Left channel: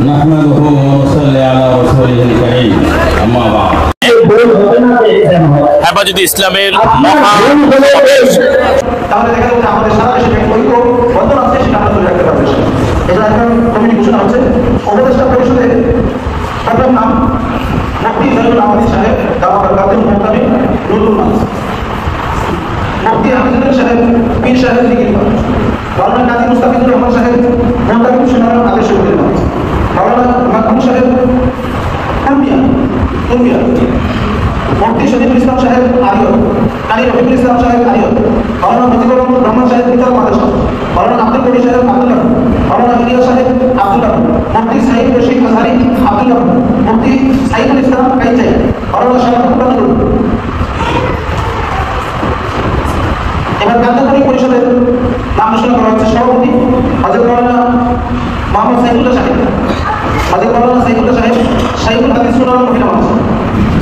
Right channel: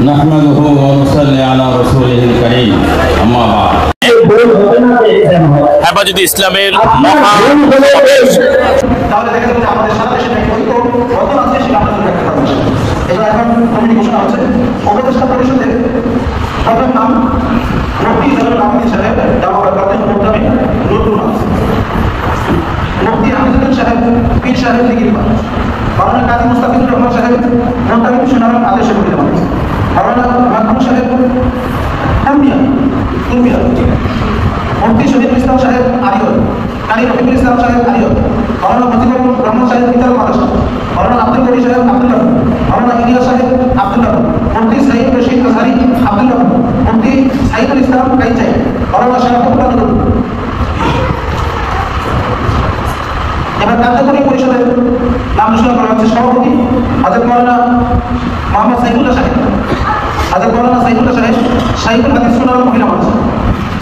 نحمده ونصلي على رسوله الكريم أما بعد হেফাজতে ইসলামের मुफ्ती शरीफ इस्लाम साहेब आलिया कारी रफीकुल इस्लाम साहेब आलिया मौलाना फजीलुर रहमान साहेब उत्तर प्रदेश मौलाना अब्दुल गनी साहेब अब्दुल्लाह मौलाना इलियास साहेब अब्दुल्लाह मुफ्ती सईद रशीद अजहरी अब्दुल्लाह मुफ्ती साइफुल इस्लाम काइजाई मौलाना शारफुल्लाह नुरुल এবার কার্যকরী পরিষদের নাম ঘোষণা করা হয়েছে। সভাপতি হযরত মাওলানা মোহাম্মদ সাইফুল্লাহ সাহেব, হযরত মাওলানা সাইফুল্লাহ সাহেব সাইফুল হাদিস সুন্নাহ মহিলা মাদ্রাসা।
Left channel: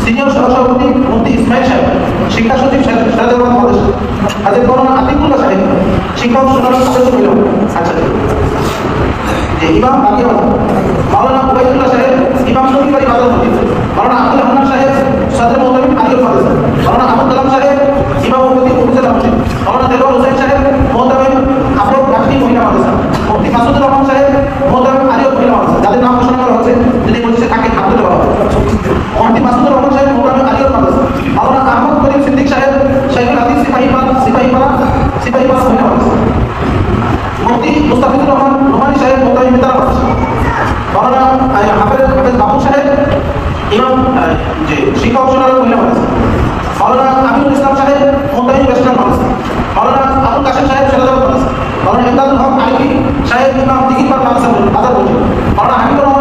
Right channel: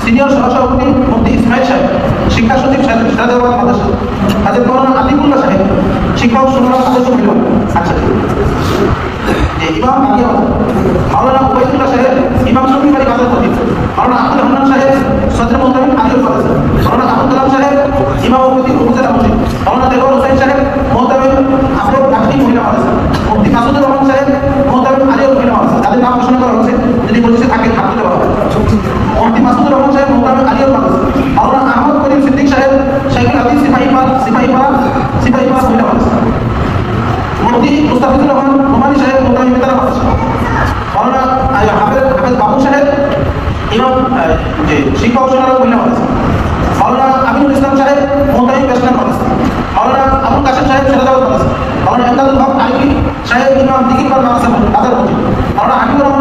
সিনিয়র সহসভাপতি মুফতি ইসমাইল সাহেব, শিক্ষা সচিব সিরাজুল মাদ্রাসা। হযরত মাওলানা আতিকুল্লাহ সাহেব, শিক্ষা ও সুন্নাহ সদস্য মহিলা। আচ্ছা, ইমাম বাকিয়া মাওলানা উবাইদুল্লাহ সাহেব, ইমাম সহকারী বাজার মসজিদ। মাওলানা আব্দুল রহমান সাহেব, সদর মোহতামিম আলিয়া মাদ্রাসা। মাওলানা আবুল কালাম সাহেব, ইমাম উপজেলা মসজিদ। মাওলানা দেওয়ার হোসেন সাহেব, মোহতামিম আব্দুল কাফি মহিলা মাদ্রাসা। মুফতি মাসুদুর রহমান সাহেব, মোহতামিম আলিয়া মহিলা মাদ্রাসা। যাদের নাম ঘোষণা করা হয়েছে যদি বলছে তাকে হাতে দেওয়া হবে। মুফতি মাসুদুর রহমান সাহেব, মোহতামিম আলিয়া মাদ্রাসা। মাওলানা আহমদ করিম সিদ্দিক সাহেব, শাইখুল হাদিস সিপাহীপাড়া মহিলা মাদ্রাসা। মুফতি মুস্তাফিজুর রহমান নোমানী সাহেব, মোহতামিম মিতারা মাদ্রাসা। মাওলানা হাফেজ বাবু সাহেব, ইমাম শিক্ষা ও সুন্নাহ মহিলা মাদ্রাসা। মাওলানা আমিনুল ইসলাম সাহেব, মোহতামিম ইসলাম মাদ্রাসা। মাওলানা আবুল কাসেম সাহেব, সিরাজুল মাদ্রাসা। মাওলানা ইমদাদুল হক আলিফি সাহেব, ইমাম দিঘিরপাড়